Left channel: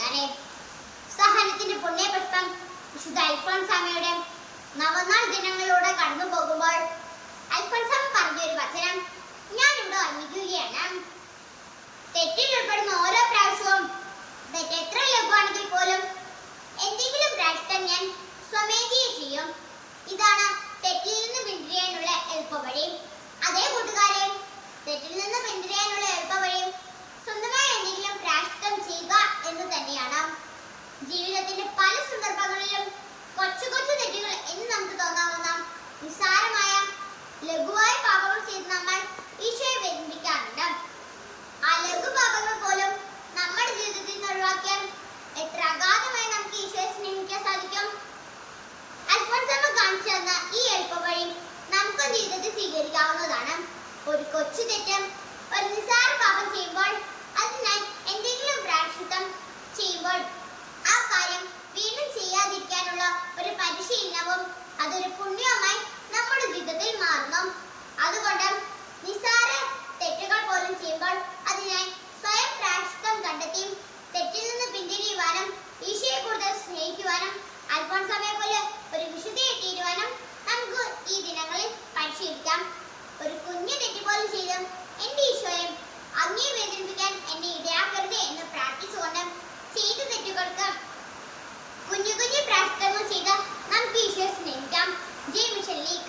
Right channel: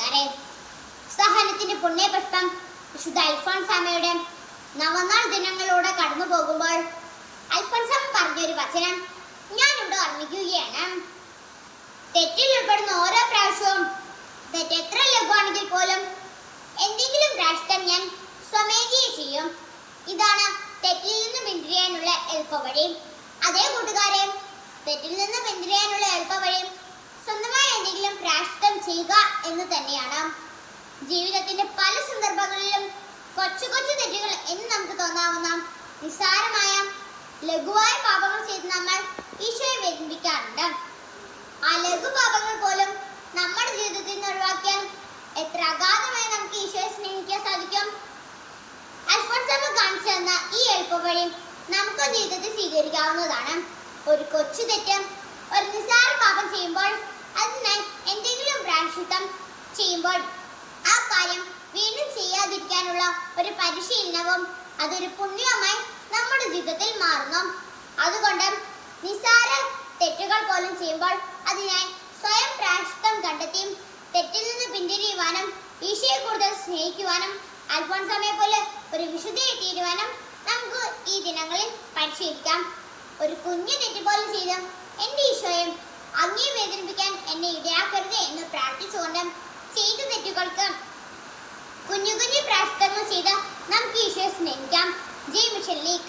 കൂട്ടുകാരെ, സഹനത്തിന്റെ പുണ്യപുഷ്പം വിശുദ്ധ അൽഫോൻസാമ്മയുടെ നവനാൾ ദിനങ്ങളിലൂടെ കടന്നു പോകുമ്പോൾ അൽഫോൻസാമ്മ പറഞ്ഞൊരു വചനം ഞാനിവിടെ ഓർമ്മിക്കുകയാണ്. തെറ്റിൽ ഉൾപ്പെടുന്ന ഓരോ പ്രാവശ്യവും തെറ്റ് എത്ര ലഘുവാണെങ്കിൽ പോലും എന്തെങ്കിലും പ്രാവശ്യത്തിൽ ഞാൻ സ്വമേധയെ ചെയ്യും. ഇതാണ് തെറ്റിൽ നിന്ന് പിന്തിരിയാനുള്ള എളുപ്പവഴി. അതേ കൂട്ടുകാരെ, തെറ്റിൽ നിന്ന് പിന്തിരിയാനുള്ള എളുപ്പവഴി സ്വന്തമായി എന്തെങ്കിലും പ്രായശ്ചിത്തം ചെയ്യുക എന്ന് തന്നെയാണ്. ജീവിതത്തിന്റെ പല സന്ദർഭങ്ങളിലും കൊച്ചു കൊച്ചു തെറ്റുകൾ എന്ന് നമുക്ക് തോന്നാവുന്ന നിസ്സാരമായ ലഘുവായ പാപങ്ങൾ ചെയ്ത് നമ്മൾ ഈശോയെ വേദനിപ്പിക്കാറുണ്ട്. ആ ലഘു പാപങ്ങൾ പോലും നമ്മുടെ ജീവിതത്തിൽ നിന്ന് ഒഴിവാക്കിയാൽ എത്ര അഗാധമായി നമുക്ക് ഈശോയെ സ്നേഹിക്കാൻ സാധിക്കും. അൽഫോൻസാമ്മ കാണിച്ചു തന്ന ഈ എളുപ്പവഴി നമുക്ക് ജീവിതത്തിൽ സ്വീകരിക്കാവുന്നതാണ്. ഒരു കൊച്ചു തെറ്റ്, ഒരു നിസ്സാര പാപം ചെയ്യുമ്പോൾ അതിനായി എന്തെങ്കിലും പ്രായശ്ചിത്തം ചെയ്യുമ്പോൾ ആ കാര്യം വീണ്ടും ചെയ്യാതിരിക്കാനുള്ള ഒരു പരിശീലനവും അതൊരു പുണ്യവുമായി നമ്മുടെ ജീവിതത്തിൽ മാറുന്നു. അതുകൊണ്ട് നിസ്സാര തെറ്റുകൾ പോലും ചെയ്യുമ്പോൾ അതിനായി സ്വയം പ്രായശ്ചിത്തം കണ്ടെത്തിയും തെറ്റിൽ നിന്ന് പിന്തിരിയുവാനും ഈശോയെ കൂടുതൽ സ്നേഹിക്കുവാനും അൽഫോൻസാമ്മയെ പോലെ ഒരു വിശുദ്ധയെ തീരുവാനും നമുക്ക് ഈ ദിനങ്ങളിൽ പരിശീലിക്കാം. ഒരു കുഞ്ഞു തെറ്റ് പോലും ചെയ്ത് എൻ്റെ ഈശോയെ അങ്ങേ വേദനിപ്പിക്കാൻ എന്നെ ഇടയാക്കരുത് എന്ന് പ്രാർത്ഥിച്ചുകൊണ്ട് ചെയ്ത തെറ്റുകൾക്ക് കുഞ്ഞു കുഞ്ഞു പ്രായശ്ചിത്തങ്ങൾ ചെയ്ത് നമുക്ക് ഈശോയെ സ്നേഹിക്കാം. ജയ് മിഷൻ ലീഗ്.